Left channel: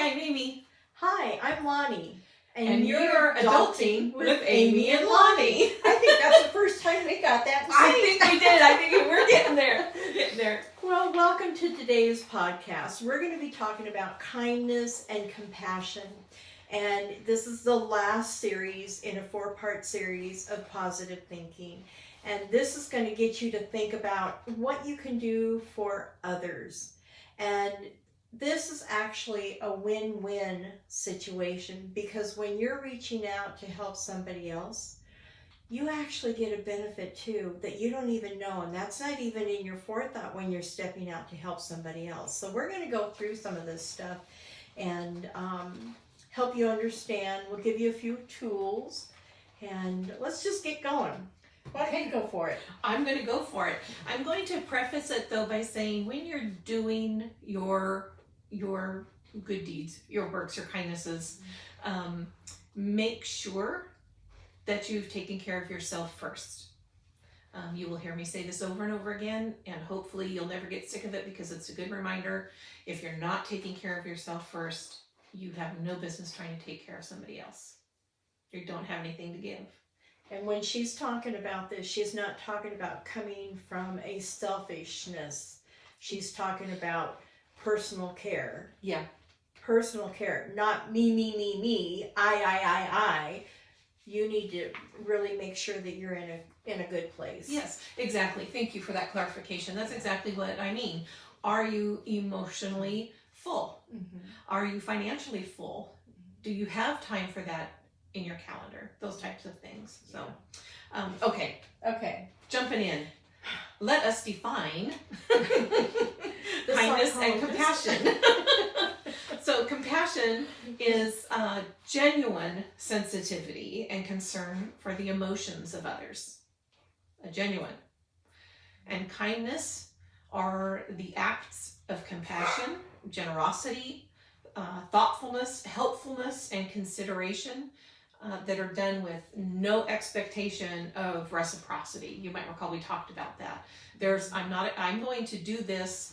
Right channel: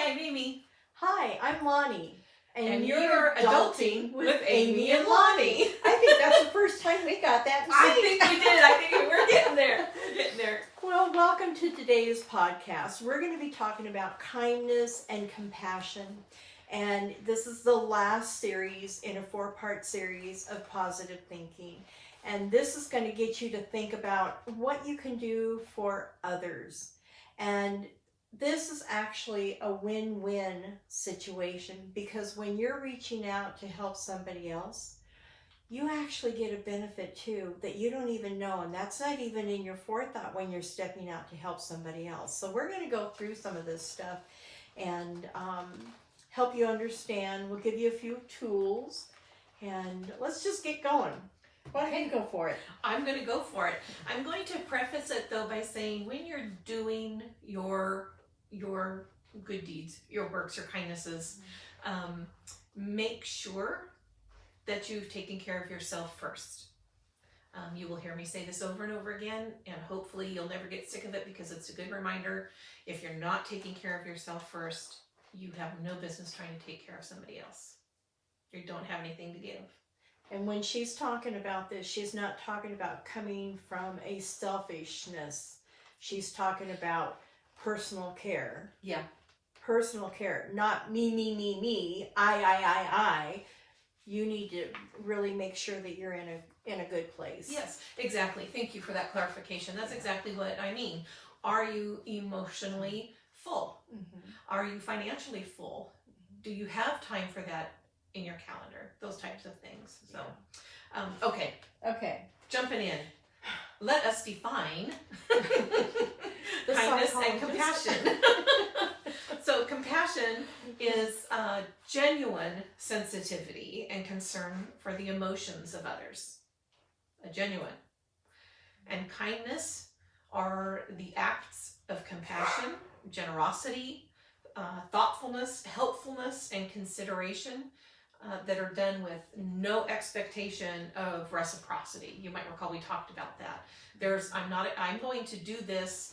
Hi, I'm Amy. Hi, I'm Lonnie. And you're adulting with Amy and Lonnie. I think that's the first time we got that to say. I think we did. I think we're getting there. We're getting there. Well, welcome to today's podcast. We're going to be talking about kindness and compassion. And this is the last series in a 4-part series of positive thinking. And this is going to get you to think about what you can do for others. And this is actually a win-win situation, because when you're reaching out to help somebody else, you actually get a benefit too that you don't even know, and that's not even in your forethought when you're stepping out to help somebody else. So we're going to go through some of this stuff and help you understand. We'll give you a few tools, and let's just get going. Why don't you go for it? I'm going to go for it. I'm going to preface it though by saying, when you're doing your good deeds, your works, your kindnesses, make sure that you've taken care of yourself first. You will hear me say this over and over again, and hopefully you'll never get sick of it, because it's a good reminder. If you're not taking care of yourself first, you have no business trying to take care of somebody else. You don't have anything to give. And when she's talking about this, she's not talking about coming from a selfishness. She's talking about personal care. Yeah. Personal care, not me, I. You need to really make sure that you're in a good place. Yes, exactly. Thank you for that clarification. That's exactly what I mean. Are you emotionally full? Mm-hmm. Are you financially full? Do you have time for that in your calendar? Those types of things. So, okay, jumping in. Let us define kindness and compassion. So compassion is genuine sensitivity and concern for the emotions of others. Genuine. And kindness are the acts of compassion, generosity, thoughtfulness, helpfulness, and consideration that are done with no expectation of reciprocity. You might recall we talked about that. I'm going to do this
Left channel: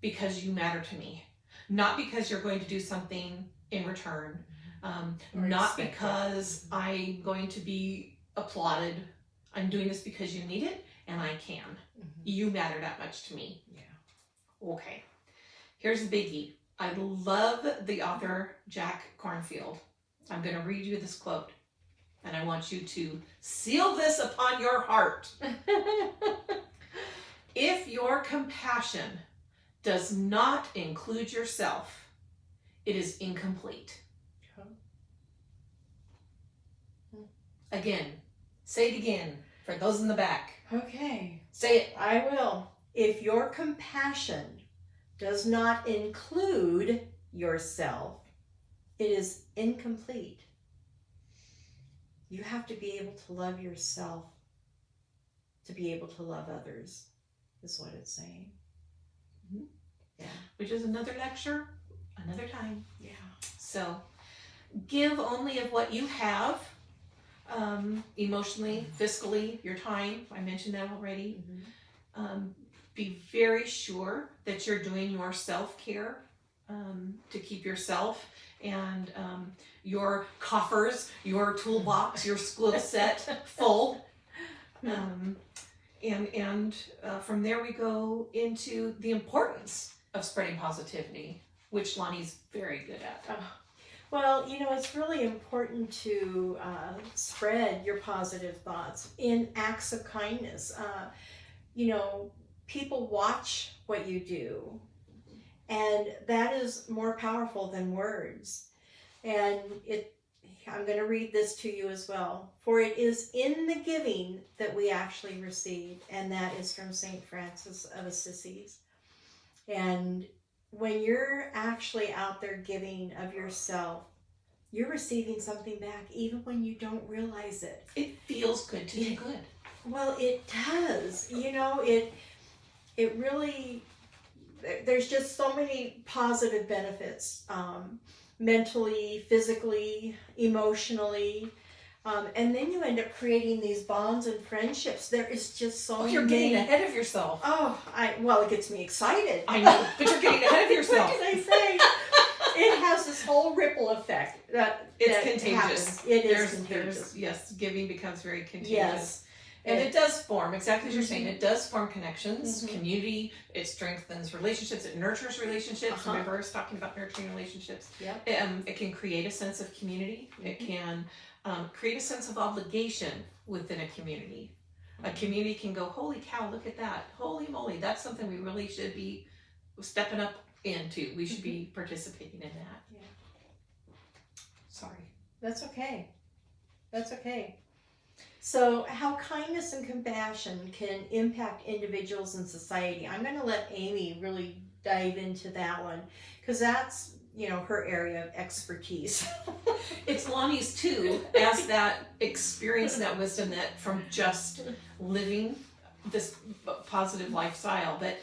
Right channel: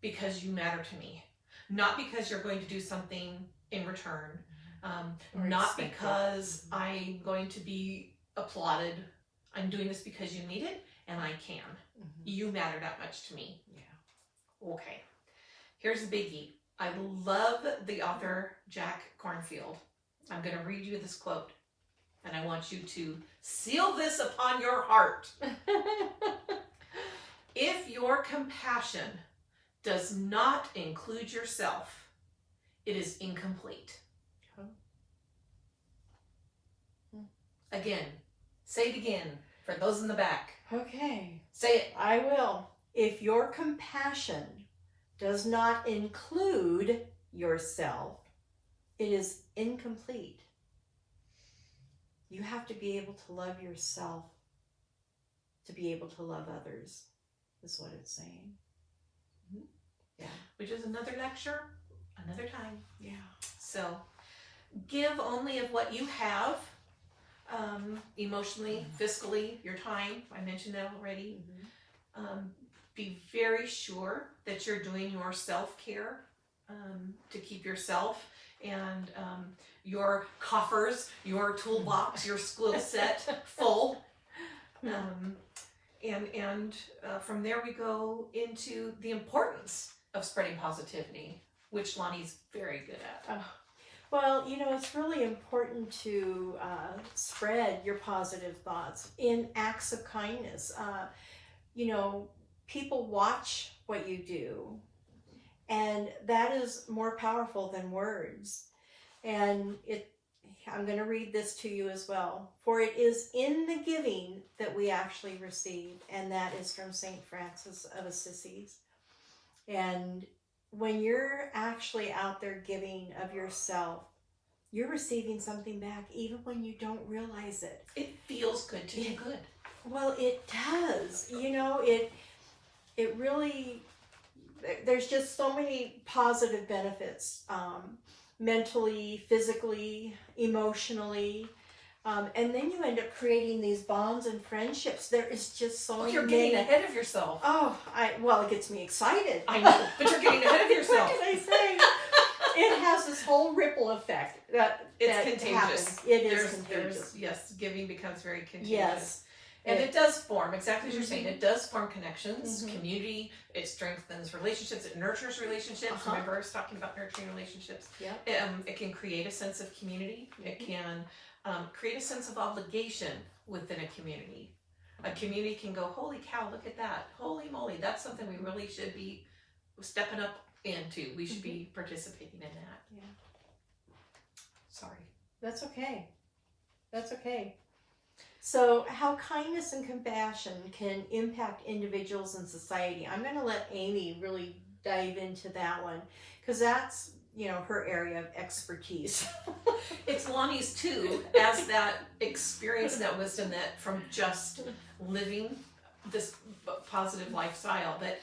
because you matter to me. Not because you're going to do something in return. Not because I'm going to be applauded. I'm doing this because you need it, and I can. Mm-hmm. You matter that much to me. Yeah. Okay. Here's the biggie. I love the author Jack Kornfield. I'm going to read you this quote, and I want you to seal this upon your heart. If your compassion does not include yourself, it is incomplete. Again, say it again for those in the back. Okay. Say it. I will. If your compassion does not include yourself, it is incomplete. You have to be able to love yourself to be able to love others, is what it's saying. Mm-hmm. Yeah. Which is another lecture, another time. Yeah. So give only of what you have, emotionally, fiscally, your time. I mentioned that already. Mm-hmm. Be very sure that you're doing your self-care to keep yourself and your coffers, your toolbox, your skill set full. And from there we go into the importance of spreading positivity, which Lonnie's very good at. Well, it's really important to spread your positive thoughts in acts of kindness. People watch what you do, and that is more powerful than words. And I'm going to read this to you as well. For it is in the giving that we actually receive, and that is from St. Francis of Assisi. And when you're actually out there giving of yourself, you're receiving something back, even when you don't realize it. It feels good to do good. Well, it does. It really, there's just so many positive benefits, mentally, physically, emotionally. And then you end up creating these bonds and friendships. There is just so many. You're getting ahead of yourself. Well, it gets me excited. I know, but you're getting ahead of yourself. What can I say? It has has this whole ripple effect that It's that contagious. happens. It is contagious. Yes, giving becomes very contagious. Yes. And it does form, exactly as you're saying, it does form connections, Mhm. community, it strengthens relationships, it nurtures relationships. Uh-huh. Remember I was talking about nurturing relationships? Yeah. It can create a sense of community. It can create a sense of obligation within a community. A community can go, holy cow, look at that. Holy moly, that's something we really should be stepping up into. We should be participating in that. Yeah. Sorry. That's okay. That's okay. So, how kindness and compassion can impact individuals and society. I'm going to let Amy really dive into that one because that's, her area of expertise. It's Lonnie's too, as that experience, that wisdom that from just living this positive lifestyle, that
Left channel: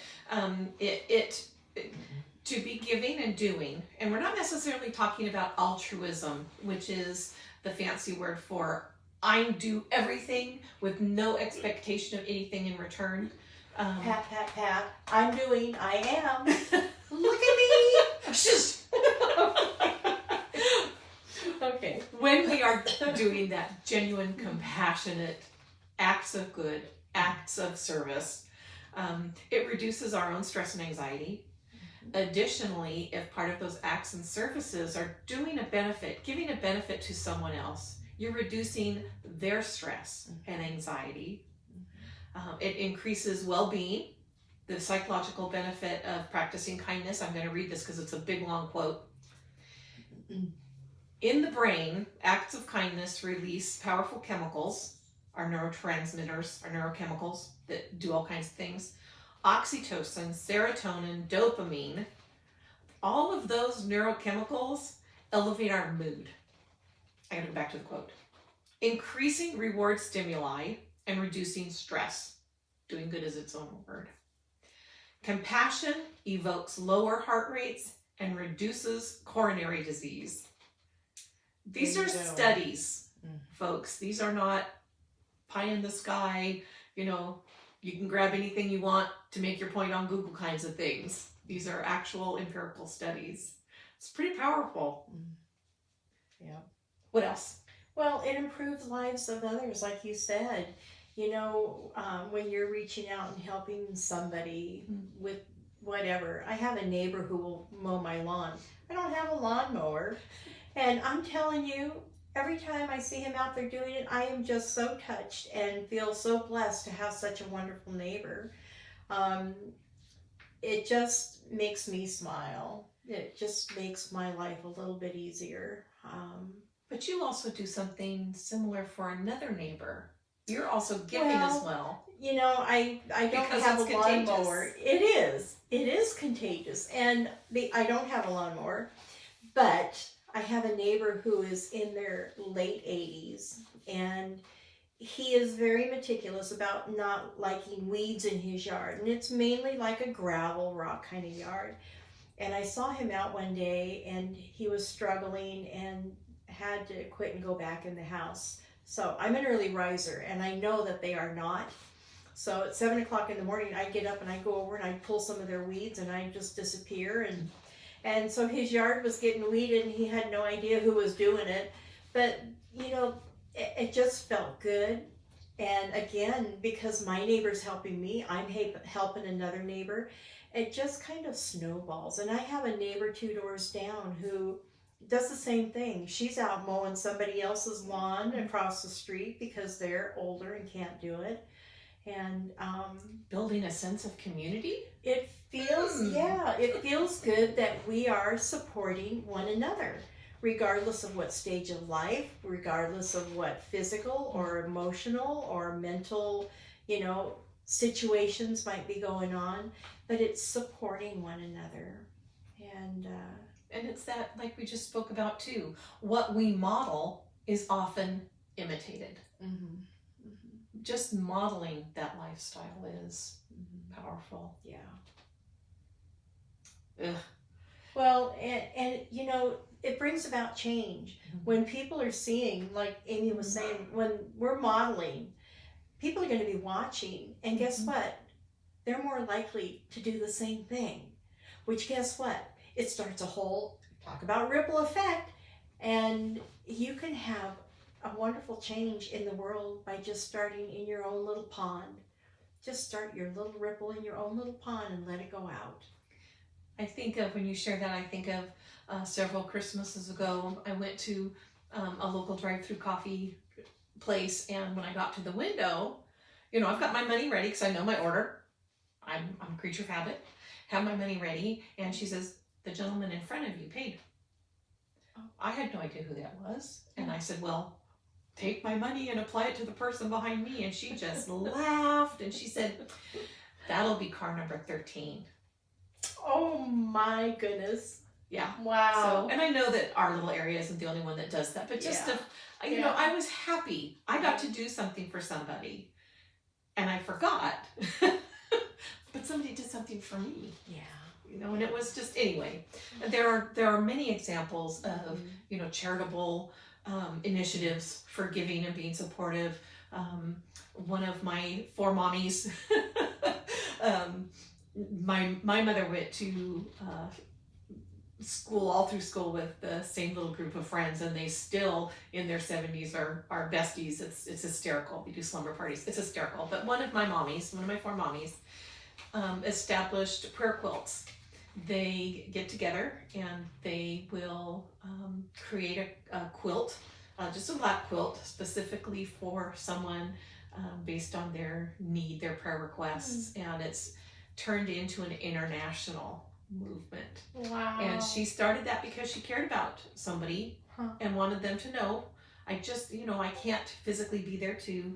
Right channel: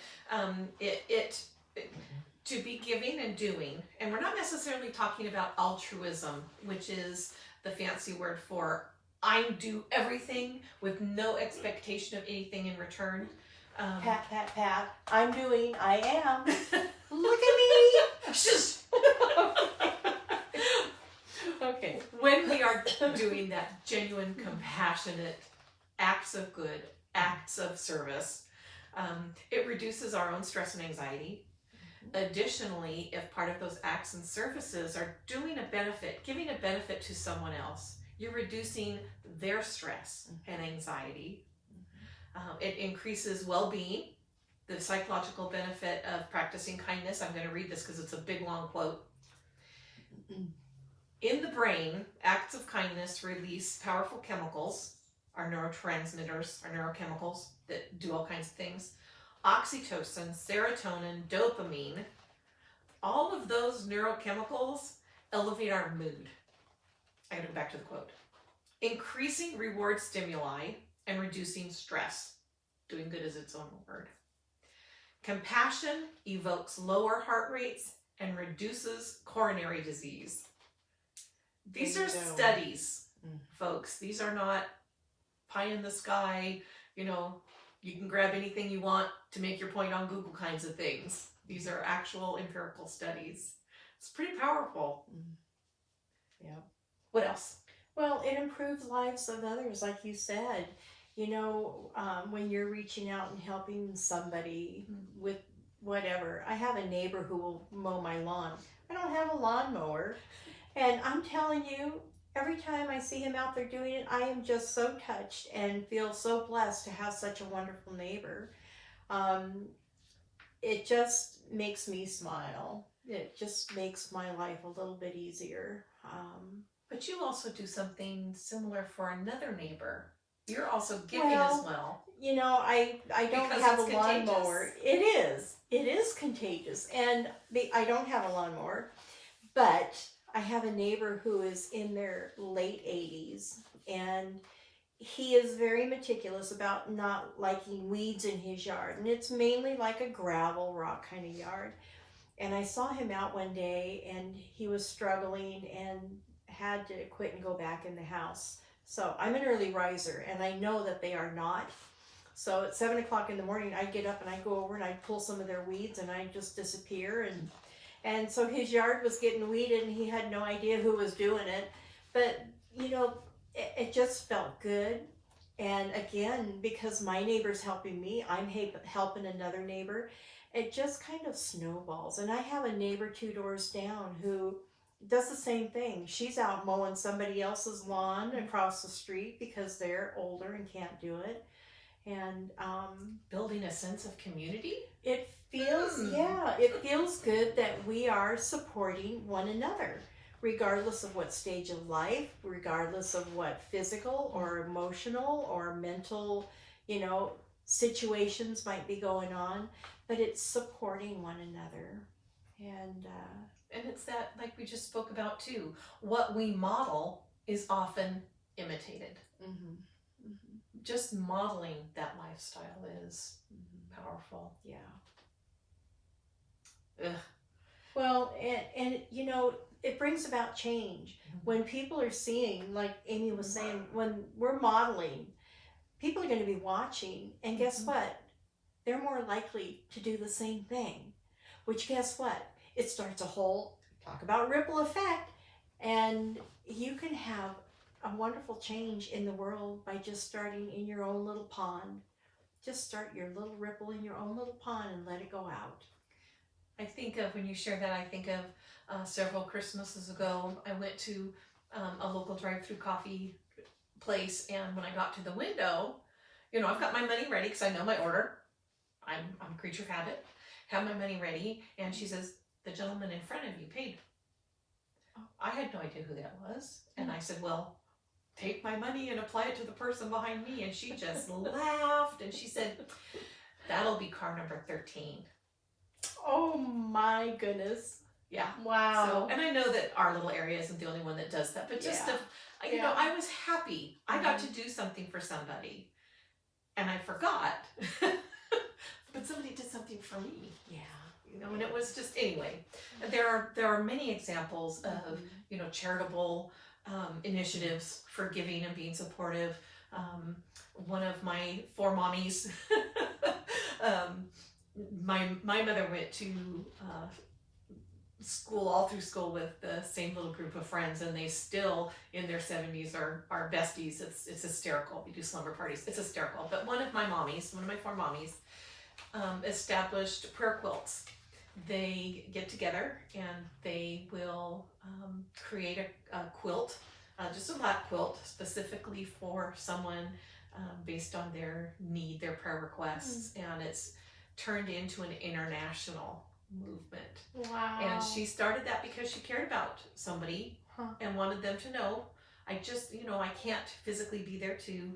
to be giving and doing, and we're not necessarily talking about altruism, which is the fancy word for I do everything with no expectation of anything in return. Pat, pat, pat. I am. Look at me. Okay. When we are doing that genuine, compassionate acts of good, acts of service, it reduces our own stress and anxiety. Additionally, if part of those acts and services are giving a benefit to someone else, you're reducing their stress and anxiety. It increases well-being, the psychological benefit of practicing kindness. I'm going to read this because it's a big, long quote. In the brain, acts of kindness release powerful chemicals, our neurotransmitters, our neurochemicals that do all kinds of things. Oxytocin, serotonin, dopamine, all of those neurochemicals elevate our mood. I gotta go back to the quote. Increasing reward stimuli and reducing stress. Doing good is its own word. Compassion evokes lower heart rates and reduces coronary disease. These are studies, folks. These are not pie in the sky, you can grab anything you want to make your point on Google kinds of things. These are actual empirical studies. It's pretty powerful. Yeah. What else? Well, it improves lives of others, like you said. When you're reaching out and helping somebody with whatever. I have a neighbor who will mow my lawn. I don't have a lawnmower. And I'm telling you, every time I see him out there doing it, I am just so touched and feel so blessed to have such a wonderful neighbor. It just makes me smile. It just makes my life a little bit easier. But you also do something similar for another neighbor. You're also giving as well. I don't Because have a it's lawnmower. contagious. It is contagious. And I don't have a lawnmower, but I have a neighbor who is in their late 80s, and he is very meticulous about not liking weeds in his yard. And it's mainly like a gravel, rock kind of yard. And I saw him out one day, and he was struggling and had to quit and go back in the house. So I'm an early riser, and I know that they are not. So at 7 o'clock in the morning, I'd get up and I'd go over and I'd pull some of their weeds, and I'd just disappear. And so his yard was getting weeded, and he had no idea who was doing it. But, it just felt good. And again, because my neighbor's helping me, I'm helping another neighbor. It just kind of snowballs. And I have a neighbor 2 doors down who does the same thing. She's out mowing somebody else's lawn across the street because they're older and can't do it. And building a sense of community? It feels good that we are supporting one another, regardless of what stage of life, regardless of what physical or emotional or mental, situations might be going on, but it's supporting one another. And it's that, like we just spoke about too, what we model is often imitated. Just modeling that lifestyle is powerful. Yeah. Ugh. Well, and it brings about change. When people are seeing, like Amy was saying, when we're modeling, people are going to be watching, and guess what? They're more likely to do the same thing, which guess what? It starts a whole talk about ripple effect, and you can have a wonderful change in the world by just starting in your own little pond. Just start your little ripple in your own little pond and let it go out. I think of, when you share that, I think of several Christmases ago, I went to a local drive-through coffee place, and when I got to the window, you know, I've got my money ready because I know my order. I'm a creature of habit. Have my money ready, and she says, the gentleman in front of you paid. I had no idea who that was, and I said, well, take my money and apply it to the person behind me, and she just laughed, and she said, that'll be car number 13. Oh my goodness. Yeah. Wow. So, and I know that our little area isn't the only one that does that, but just you know, I was happy. I got to do something for somebody, and I forgot, but somebody did something for me. Yeah. You know, and it was just, anyway, there are many examples of, you know, charitable initiatives for giving and being supportive. One of my 4 mommies, my mother went to school, all through school, with the same little group of friends, and they still in their 70s are besties. It's hysterical. We do slumber parties. It's hysterical. But one of my 4 mommies, established prayer quilts. They get together and they will create a quilt, just a lap quilt, specifically for someone based on their need, their prayer requests, and it's turned into an international movement. Wow. And she started that because she cared about somebody and wanted them to know, I just, you know, I can't physically be there to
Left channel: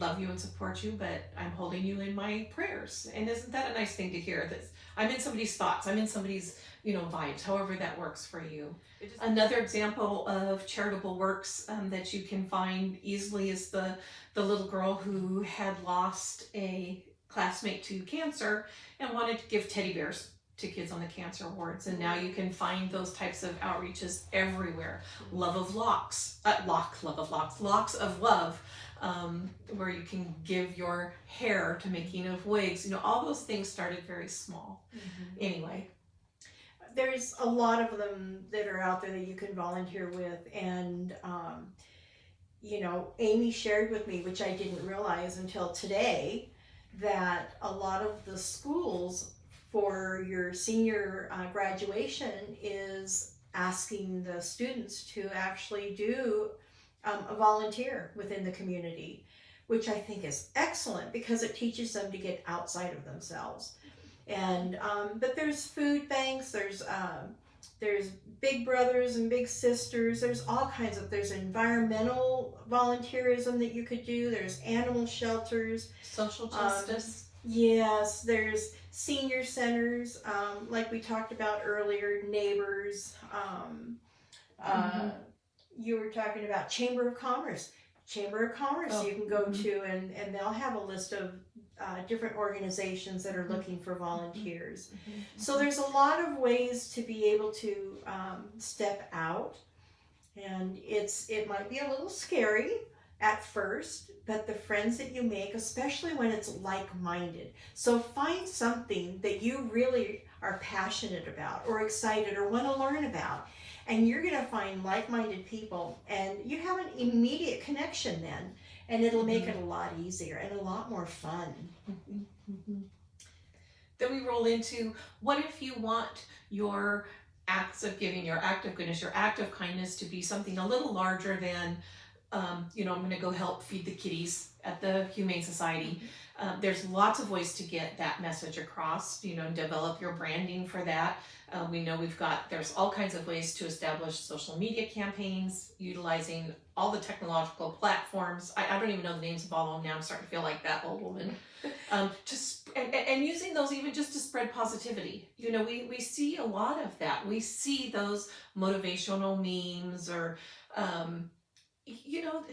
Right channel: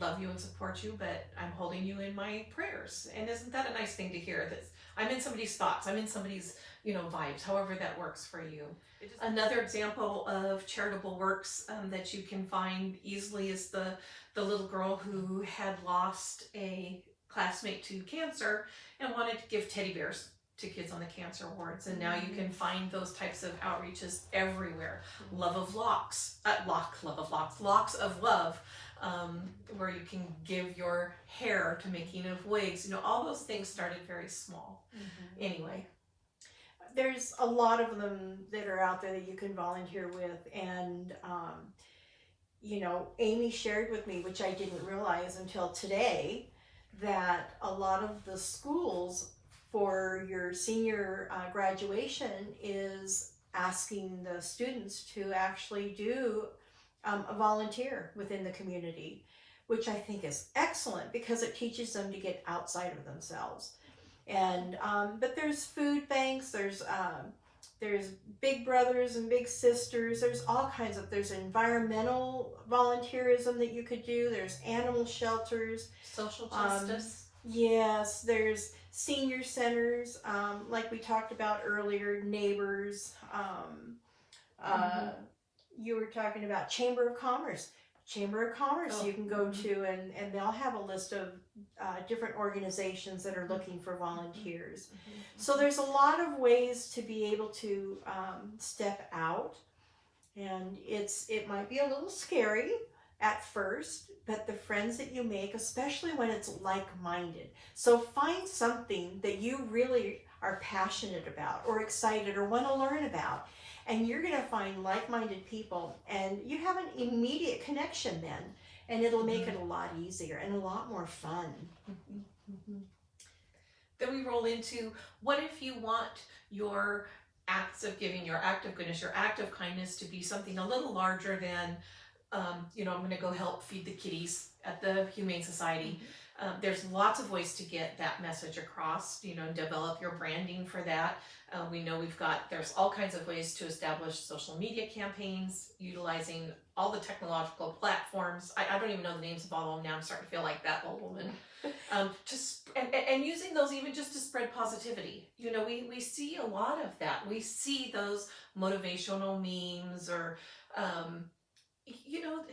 love you and support you, but I'm holding you in my prayers. And isn't that a nice thing to hear? That I'm in somebody's thoughts, I'm in somebody's, you know, vibes, however that works for you. Another example of charitable works that you can find easily is the little girl who had lost a classmate to cancer and wanted to give teddy bears to kids on the cancer wards, and now you can find those types of outreaches everywhere. Locks of love, where you can give your hair to making of wigs. You know, all those things started very small. Anyway, there's a lot of them that are out there that you can volunteer with, and you know, Amy shared with me, which I didn't realize until today, that a lot of the schools for your senior graduation is asking the students to actually do a volunteer within the community, which I think is excellent because it teaches them to get outside of themselves. And but there's food banks, there's big brothers and big sisters, there's all kinds of, there's environmental volunteerism that you could do, there's animal shelters, social justice. Yes, there's senior centers, like we talked about earlier, neighbors. You were talking about Chamber of Commerce. Chamber of Commerce you can go to, and they'll have a list of different organizations that are looking for volunteers. So there's a lot of ways to be able to step out, and it might be a little scary at first, but the friends that you make, especially when it's like-minded. So find something that you really are passionate about or excited or want to learn about, and you're going to find like-minded people, and you have an immediate connection then, and it'll make it a lot easier and a lot more fun. Then we roll into, what if you want your acts of giving, your act of goodness, your act of kindness to be something a little larger than, you know, I'm going to go help feed the kitties at the Humane Society. There's lots of ways to get that message across, you know, develop your branding for that. We know there's all kinds of ways to establish social media campaigns, utilizing all the technological platforms. I don't even know the names of all of them now. I'm starting to feel like that old woman. And using those even just to spread positivity. You know, we see a lot of that. We see those motivational memes or, you know,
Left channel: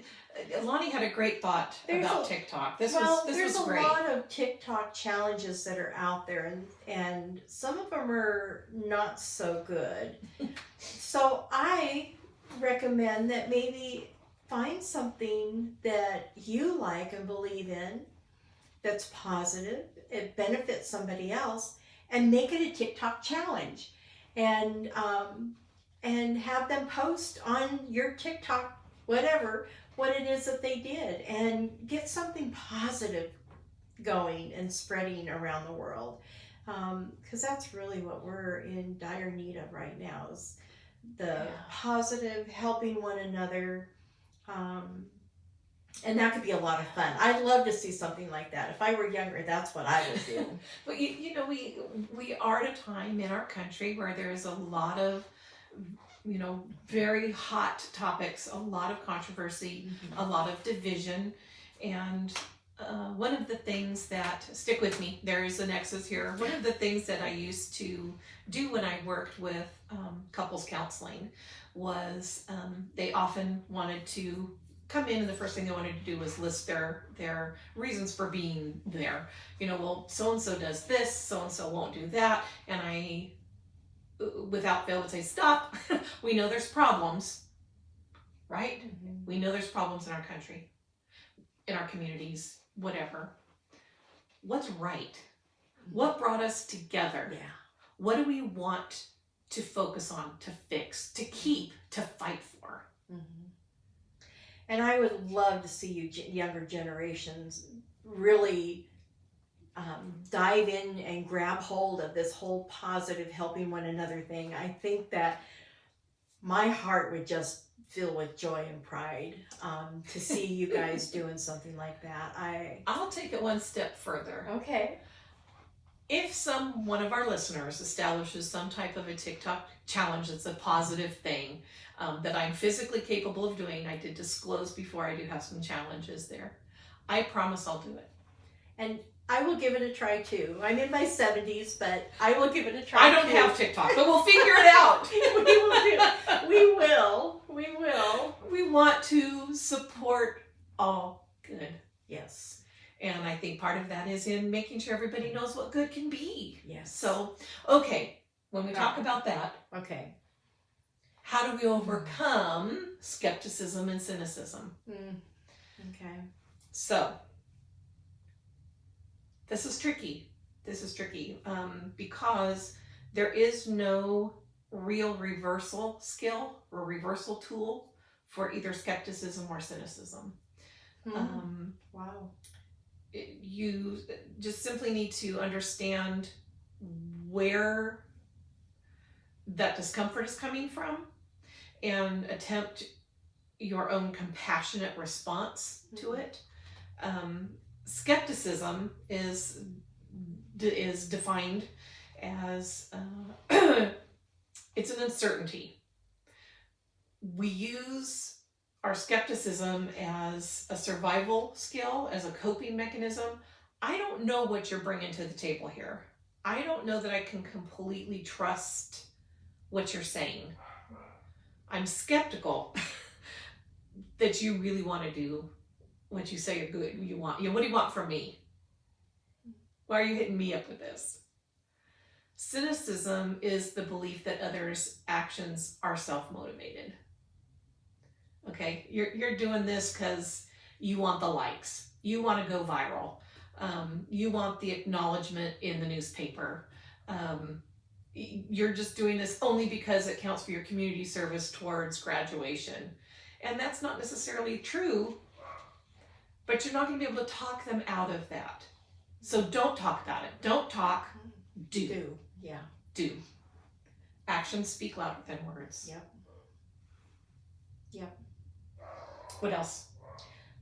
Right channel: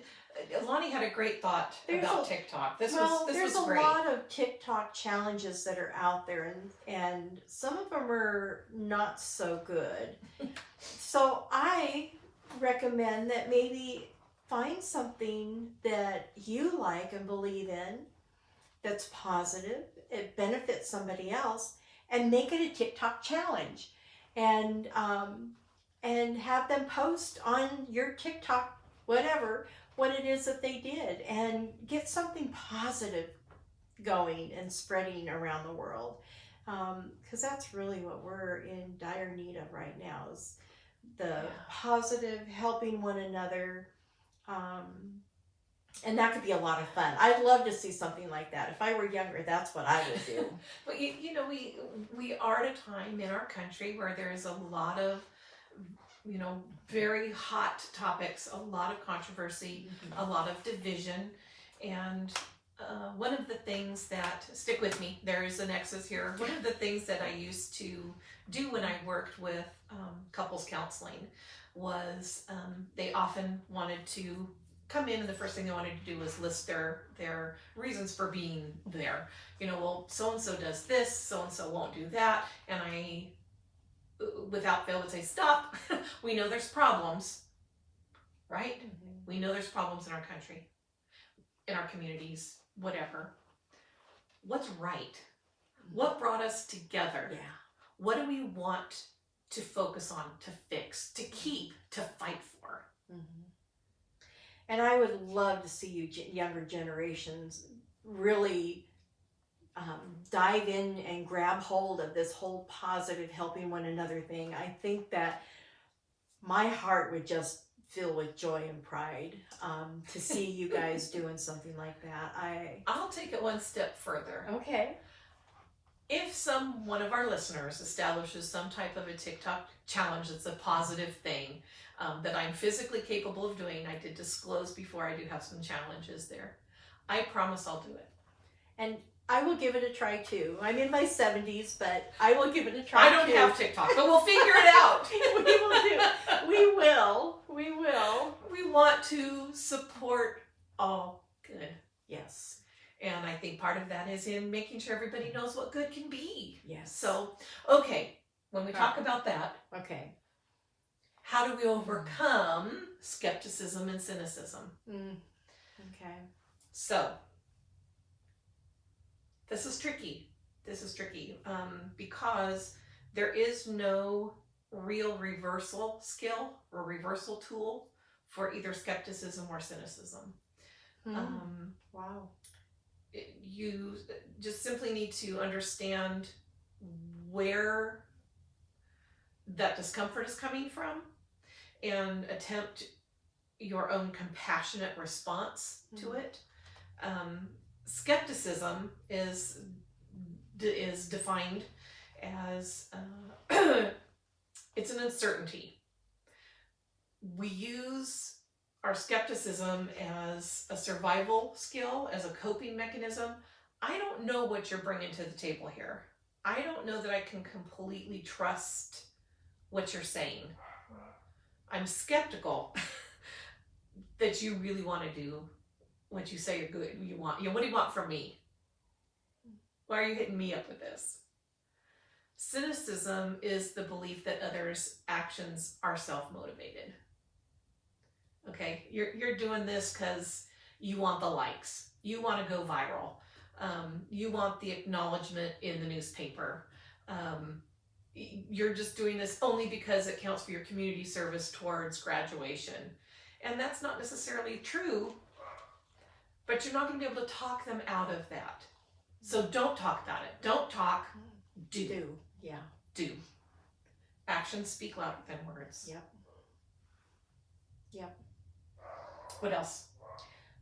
Lonnie had a great thought about TikTok. This was great. There's a lot of TikTok challenges that are out there, and some of them are not so good. So I recommend that maybe find something that you like and believe in, that's positive, it benefits somebody else, and make it a TikTok challenge. and have them post on your TikTok, whatever, what it is that they did, and get something positive going and spreading around the world. Because that's really what we're in dire need of right now, is the positive, helping one another. And that could be a lot of fun. I'd love to see something like that. If I were younger, that's what I would do. But you know, we are at a time in our country where there's a lot of, you know, very hot topics, a lot of controversy, a lot of division. And one of the things that, stick with me, there is a nexus here. One of the things that I used to do when I worked with couples counseling was they often wanted to come in, and the first thing they wanted to do was list their reasons for being there. You know, well, so-and-so does this, so-and-so won't do that. And I, without fail, would say, stop. We know there's problems, right? We know there's problems in our country, in our communities, whatever. What's right? What brought us together? Yeah. What do we want to focus on, to fix, to keep, to fight for? And I would love to see you younger generations really dive in and grab hold of this whole positive, helping one another thing. I think that my heart would just fill with joy and pride to see you guys doing something like that. I'll take it one step further. Okay. If one of our listeners establishes some type of a TikTok challenge that's a positive thing, that I'm physically capable of doing, I did disclose before, I do have some challenges there. I promise I'll do it. And I will give it a try too. I'm in my 70s, but I will give it a try. I don't have TikTok, but we'll figure it out. We will. We want to support all good. Yes. And I think part of that is in making sure everybody knows what good can be. Yes. So, okay, when we talk about that, okay, how do we overcome skepticism and cynicism? Okay. So, this is tricky. Because there is no real reversal skill or reversal tool for either skepticism or cynicism. Wow. You just simply need to understand where that discomfort is coming from and attempt your own compassionate response to it. Skepticism is defined as it's an uncertainty. We use our skepticism as a survival skill, as a coping mechanism. I don't know what you're bringing to the table here. I don't know that I can completely trust what you're saying. I'm skeptical that you really want to do what you say you want. What do you want from me? Why are you hitting me up with this? Cynicism is the belief that others' actions are self-motivated. Okay, you're doing this because you want the likes. You want to go viral. You want the acknowledgement in the newspaper. You're just doing this only because it counts for your community service towards graduation. And that's not necessarily true, but you're not going to be able to talk them out of that. So don't talk about it. Don't talk. Do. Yeah. Do. Actions speak louder than words. Yep. What else?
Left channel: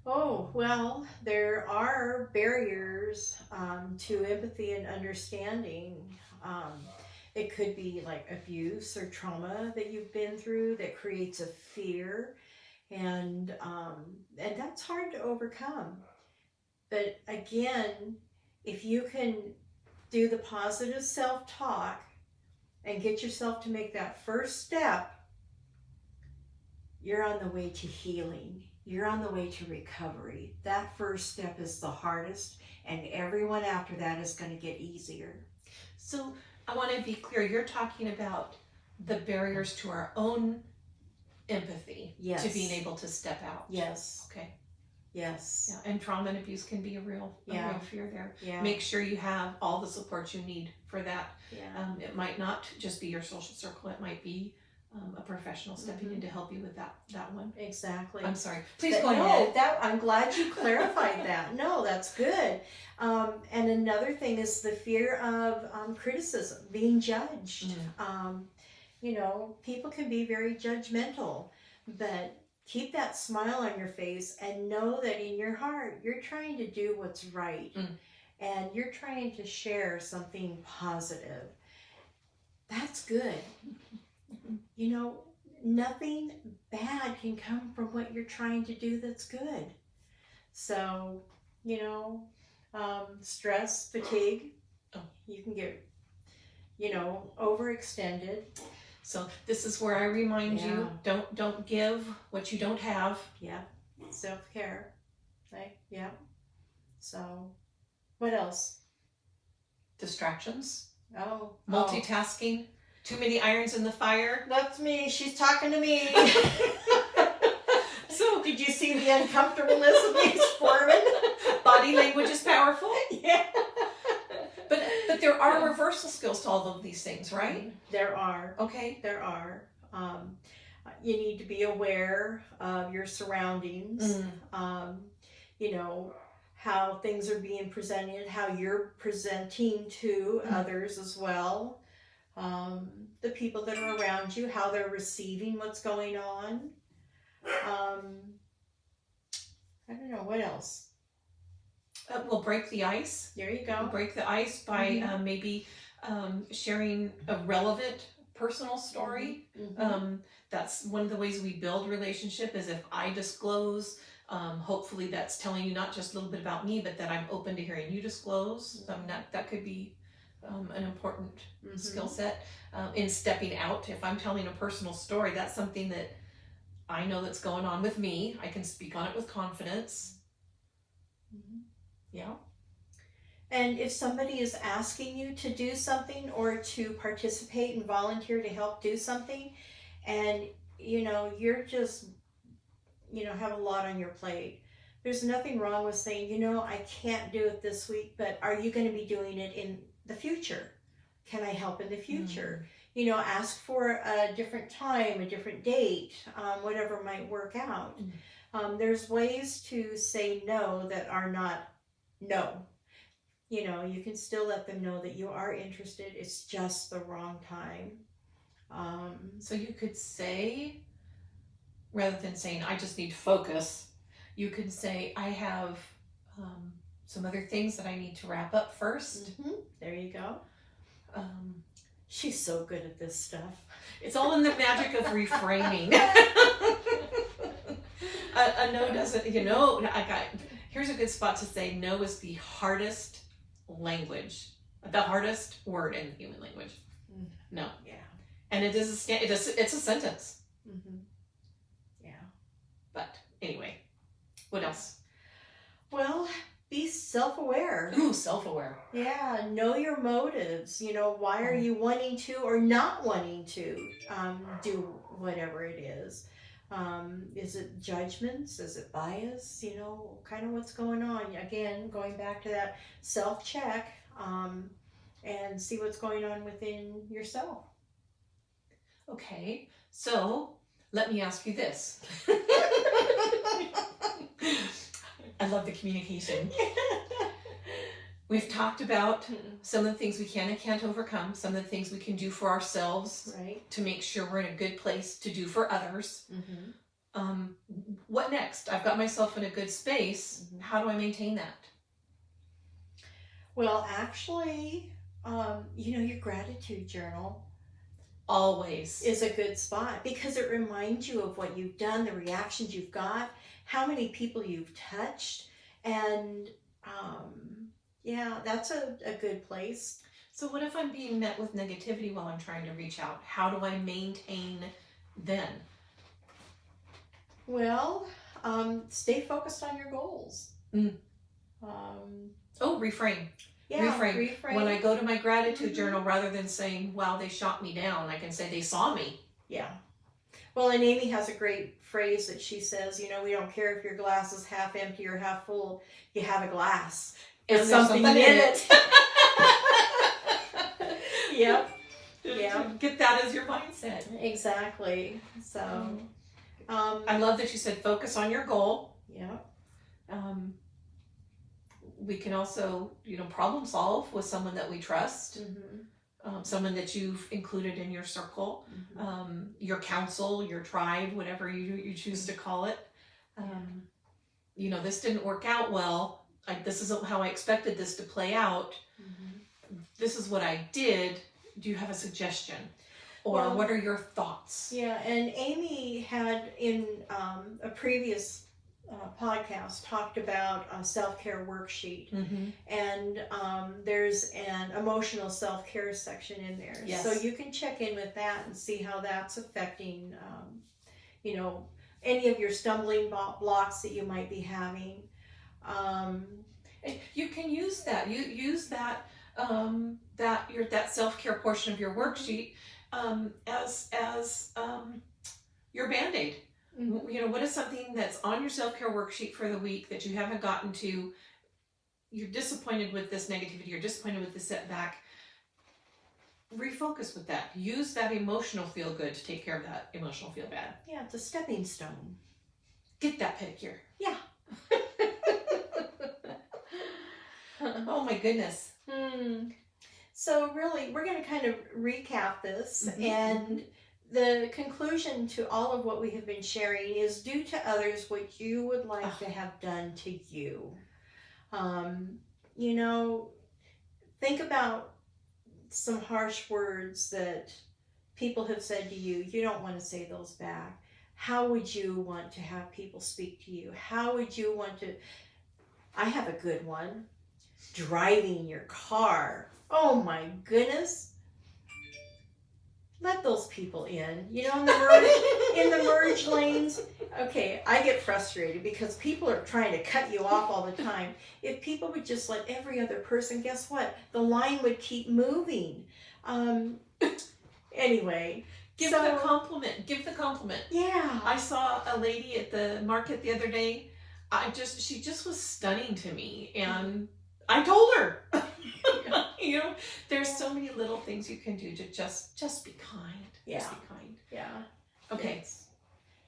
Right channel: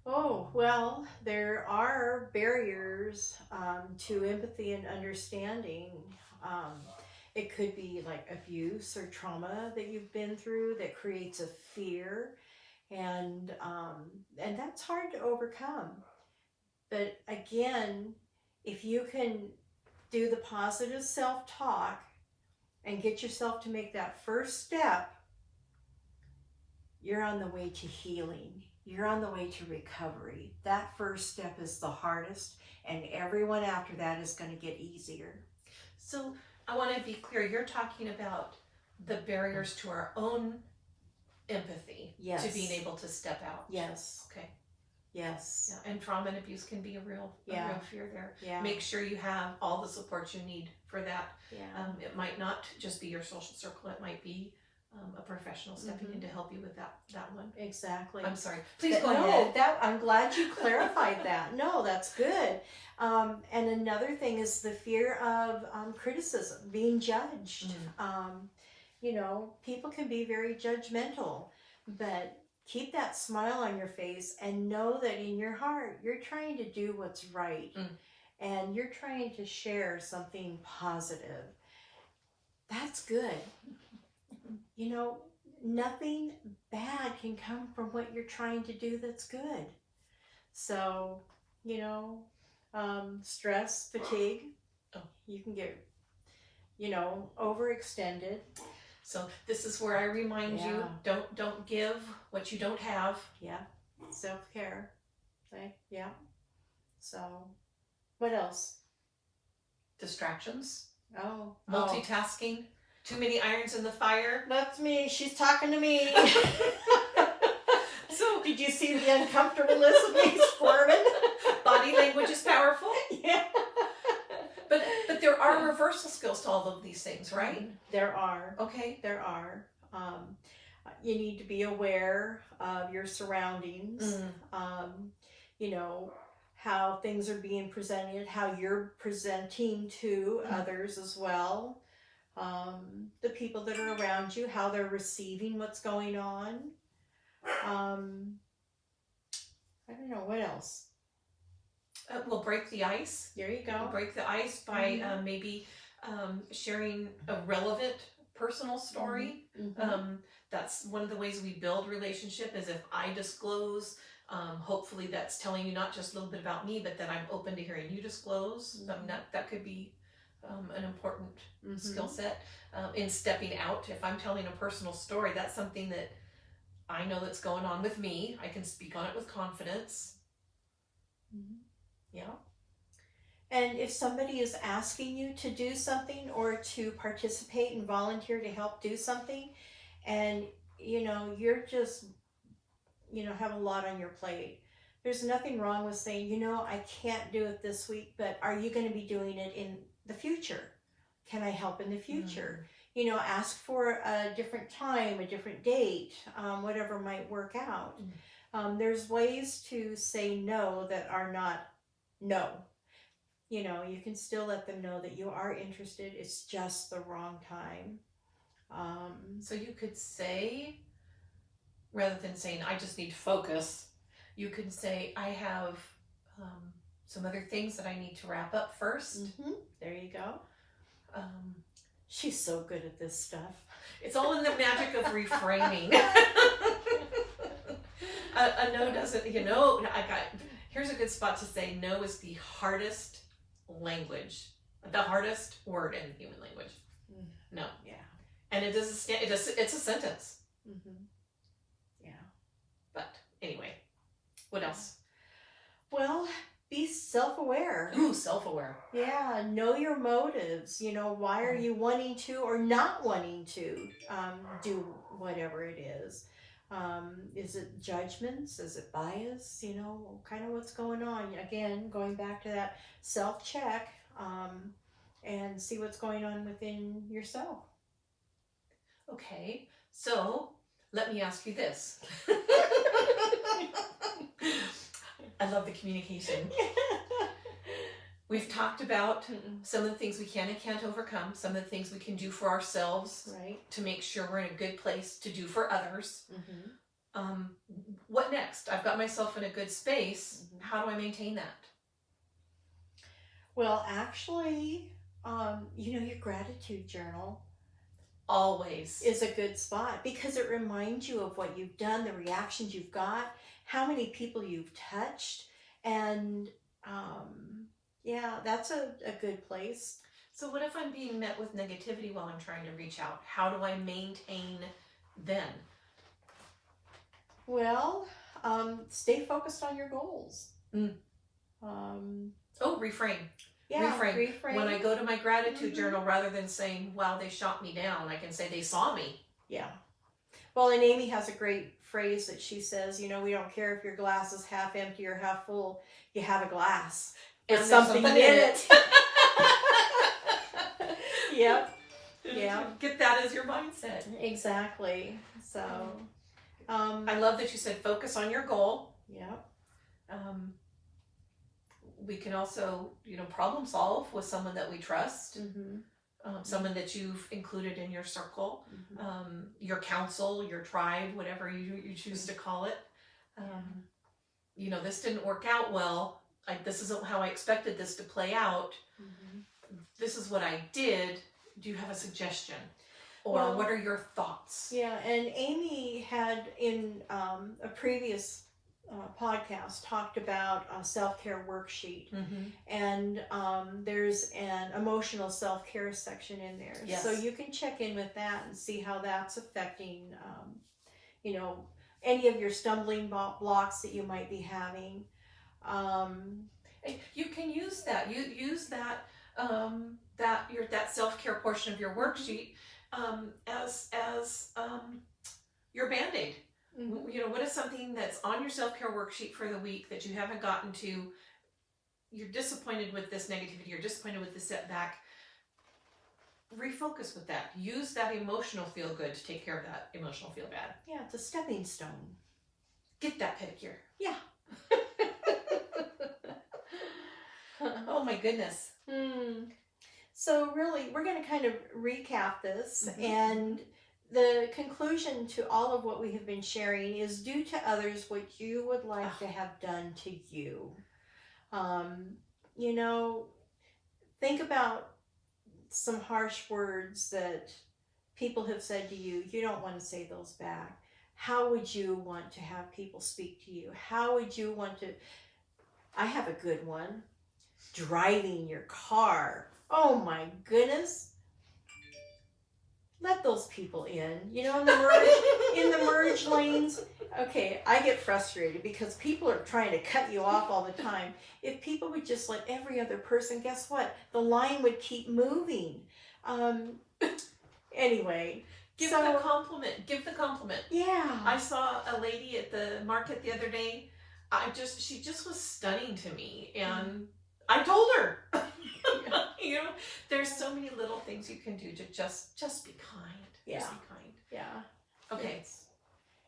Oh, well, there are barriers to empathy and understanding. It could be like abuse or trauma that you've been through that creates a fear, and that's hard to overcome. But again, if you can do the positive self-talk and get yourself to make that first step, you're on the way to healing. You're on the way to recovery. That first step is the hardest, and everyone after that is going to get easier. So I want to be clear. You're talking about the barriers to our own empathy, Yes. to being able to step out. Yes. Okay. Yes. Yeah, and trauma and abuse can be a real fear there. Yeah. Make sure you have all the support you need for that. Yeah. It might not just be your social circle. It might be a professional stepping in to help you with that one. Exactly. I'm sorry. Please go ahead. I'm glad you clarified that. No, that's good. And another thing is the fear of criticism, being judged. You know, people can be very judgmental, but keep that smile on your face and know that in your heart, you're trying to do what's right. And you're trying to share something positive. That's good. You know, nothing bad can come from what you're trying to do that's good. So, you know, stress, fatigue, you can get, you know, overextended. So this is where I remind you, don't give what you don't have. Yeah. Self-care. Right? Yeah. So, what else? Distractions. Multitasking. Too many irons in the fire. That's me. She's talking to me. So did you see the uncomfortableness of me squirming? Body language is powerful. Yeah. But there are reversal skills to all of these things, right? There are. Okay. There are. You need to be aware of your surroundings. You know, how things are being presented, how you're presenting to others as well. The people that are around you, how they're receiving what's going on. I don't know, what else? We'll break the ice. There you go. Break the ice by maybe sharing a relevant personal story. That's one of the ways we build relationship, is if I disclose, hopefully that's telling you not just a little bit about me, but that I'm open to hearing you disclose. That could be an important skill set. In stepping out, if I'm telling a personal story, that's something that I know that's going on with me. I can speak on it with confidence. Yeah. And if somebody is asking you to do something or to participate and volunteer to help do something, and you know, you're just, you know, have a lot on your plate, there's nothing wrong with saying, you know, I can't do it this week, but are you going to be doing it in the future? Can I help in the future? You know, ask for a different time, a different date, whatever might work out. There's ways to say no that are not no. You know, you can still let them know that you are interested. It's just the wrong time. So you could say, rather than saying, I just need focus, you could say, I have some other things that I need to wrap up first. There you go. She's so good at this stuff. It's all in the magic of reframing. A no doesn't, you know, here's a good spot to say no is the hardest language, the hardest word in human language. No. Yeah. And it is it's a sentence. Yeah. But anyway, what else? Well, be self-aware. Ooh, self-aware. Yeah, know your motives. You know, why are you wanting to or not wanting to do whatever it is? Is it judgments? Is it bias? You know, kind of what's going on. Again, going back to that self-check and see what's going on within yourself. Okay, so let me ask you this. I love the communication. We've talked about some of the things we can and can't overcome, some of the things we can do for ourselves, right, to make sure we're in a good place to do for others. What next? I've got myself in a good space. How do I maintain that? Well, actually, you know, your gratitude journal always is a good spot because it reminds you of what you've done, the reactions you've got, how many people you've touched, and yeah, that's a good place. So what if I'm being met with negativity while I'm trying to reach out? How do I maintain then? Well, stay focused on your goals. Reframe. Yeah, reframe. When I go to my gratitude journal, rather than saying, wow, they shot me down, I can say they saw me. Yeah. Well, and Amy has a great phrase that she says, we don't care if your glass is half empty or half full, you have a glass. And There's there's something something in in it. Yep. Yeah. Get that as your mindset. Exactly. So, I love that you said focus on your goal. yeah. We can also, problem solve with someone that we trust, someone that you've included in your circle, your council, your tribe, whatever you choose to call it. This didn't work out well. This isn't how I expected this to play out. This is what I did. Do you have a suggestion? Or what are your thoughts? Yeah, and Amy had in a previous podcast talked about a self-care worksheet, and there's an emotional self-care section in there. Yes. So you can check in with that and see how that's affecting, any of your stumbling blocks that you might be having. You can use that. You use that that self-care portion of your worksheet as your Band-Aid. What is something that's on your self-care worksheet for the week that you haven't gotten to? You're disappointed with this negativity, you're disappointed with the setback. Refocus with that. Use that emotional feel good to take care of that emotional feel bad. Yeah, it's a stepping stone. Get that pedicure. Yeah. Oh my goodness. So really, we're going to kind of recap this, and the conclusion to all of what we have been sharing is do to others what you would like to have done to you. Think about some harsh words that people have said to you. You don't want to say those back. How would you want to have people speak to you? How would you want to... I have a good one. Driving your car. Oh my goodness. Let those people in. In the merge lanes. Okay, I get frustrated because people are trying to cut you off all the time. If people would just let every other person, guess what? The line would keep moving. Anyway. Give the compliment. Give the compliment. Yeah. I saw a lady at the market the other day. She just was stunning to me, and I told her. There's so many little things you can do to just be kind. Yeah. Just be kind. Yeah. Okay. Yes.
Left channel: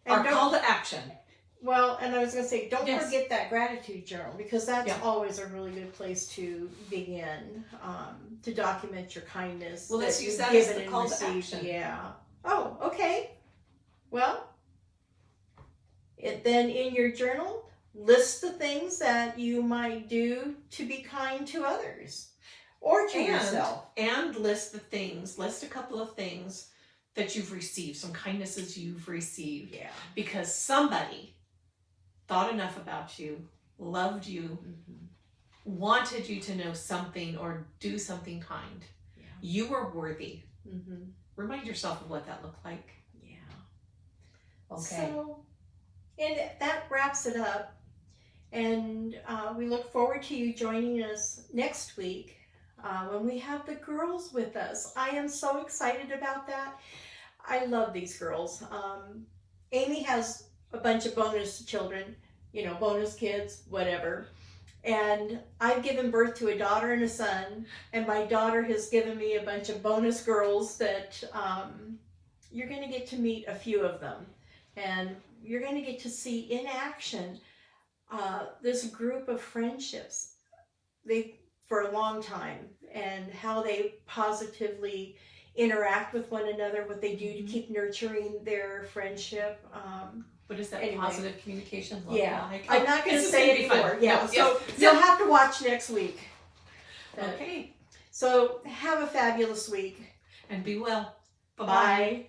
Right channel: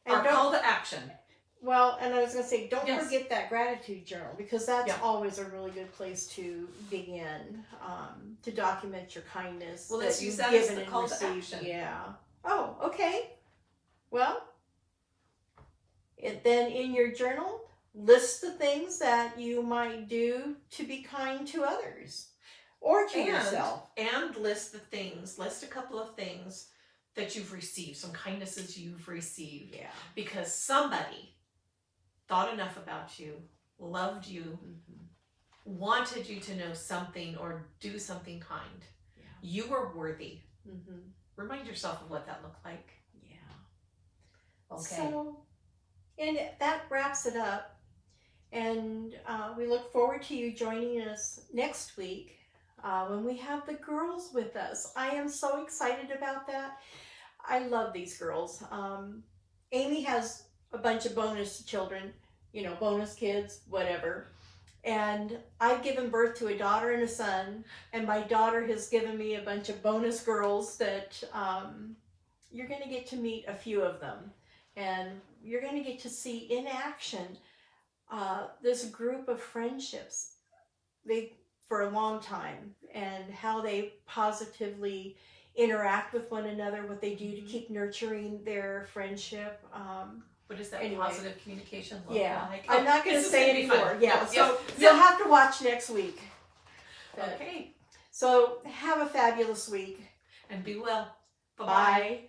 Our call to action. Well, and I was going to say, don't Yes. forget that gratitude journal, because that's always a really good place to begin, to document your kindness. Well, let's use you've that as given the and call to received. action. Yeah. Oh, okay. Well, then in your journal, list the things that you might do to be kind to others or to yourself. And list a couple of things that you've received, some kindnesses you've received. Yeah. Because somebody thought enough about you, loved you, wanted you to know something or do something kind. Yeah. You were worthy. Remind yourself of what that looked like. Yeah. Okay. So, and that wraps it up. And we look forward to you joining us next week when we have the girls with us. I am so excited about that. I love these girls. Amy has a bunch of bonus children, bonus kids, whatever. And I've given birth to a daughter and a son, and my daughter has given me a bunch of bonus girls that you're going to get to meet a few of them. And you're going to get to see in action this group of friendships for a long time, and how they positively interact with one another, what they do to keep nurturing their friendship. What does that positive communication look like? I'm not going to say it anymore. Yeah, No, so you'll have to watch next week. Okay. So have a fabulous week. And be well. Bye-bye. Bye.